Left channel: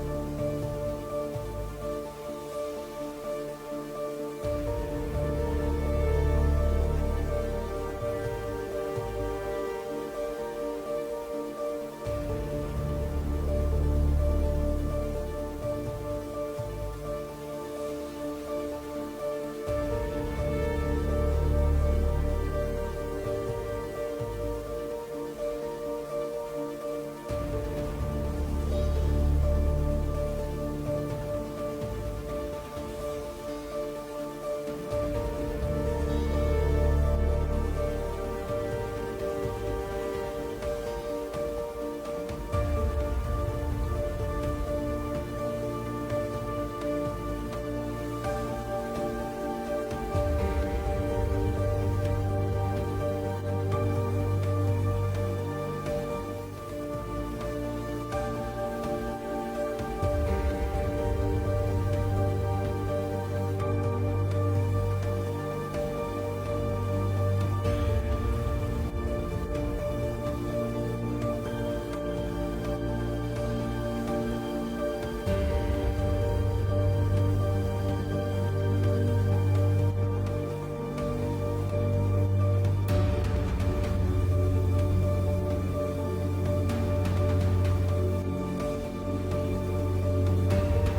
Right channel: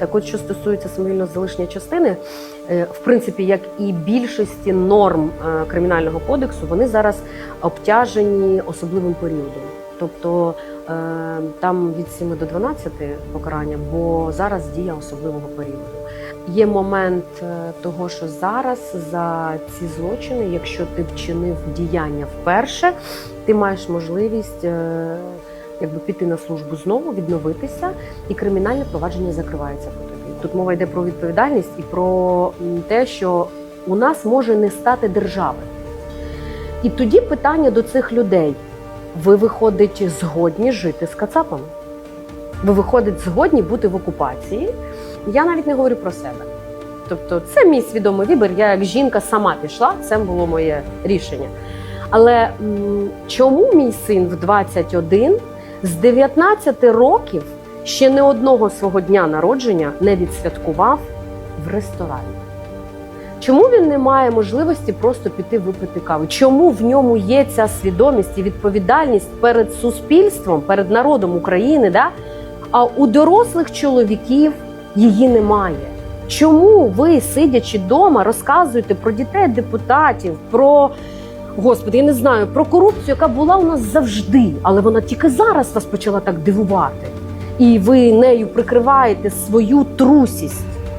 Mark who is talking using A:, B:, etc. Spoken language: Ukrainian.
A: Так от, що стосується самовільного залишення частини, е, в принципі, як і більшості норм е, кримінального кодексу, вони зараз обтяжені особливим періодом. Тобто е, там від 7 до 12 покарання, бо зараз дія особливого періоду. Є момент того, що зараз за ці злочини, якщо ти вчинив діяння вперше, ти маєш можливість якби піти на службу знову, відновитися, і кримінальне провадження закривається. Тут мова йде про відповідальність і про те, що у нас може не стати держави. І тоді питання до цих людей: ви виходить згодні жити з Кацапами? Ви виходить згодні бути в окупації? Я навіть не говорю про себе. Тобто, це мій свідомий вибір. Я як жінка сама пішла, це було моє рішення. Але чому мій син в 21 з 19 років ще не одного свого дня народження не відсвяткував в ресторані? Чому він не має можливості просто піти випити каву? Чому в ньому є ця свідомість і відповідальність перед суспільством, перед народом України? Да? А у дорослих чоловіків її немає. Чому ви, сидячи вдома, розказуєте про дітей депутатів, про господи, я не знаю, про корупцію, яка була у нас завжди, але вона тільки зараз вас почала так дивувати, і ви нею прикриваєте свою трусість.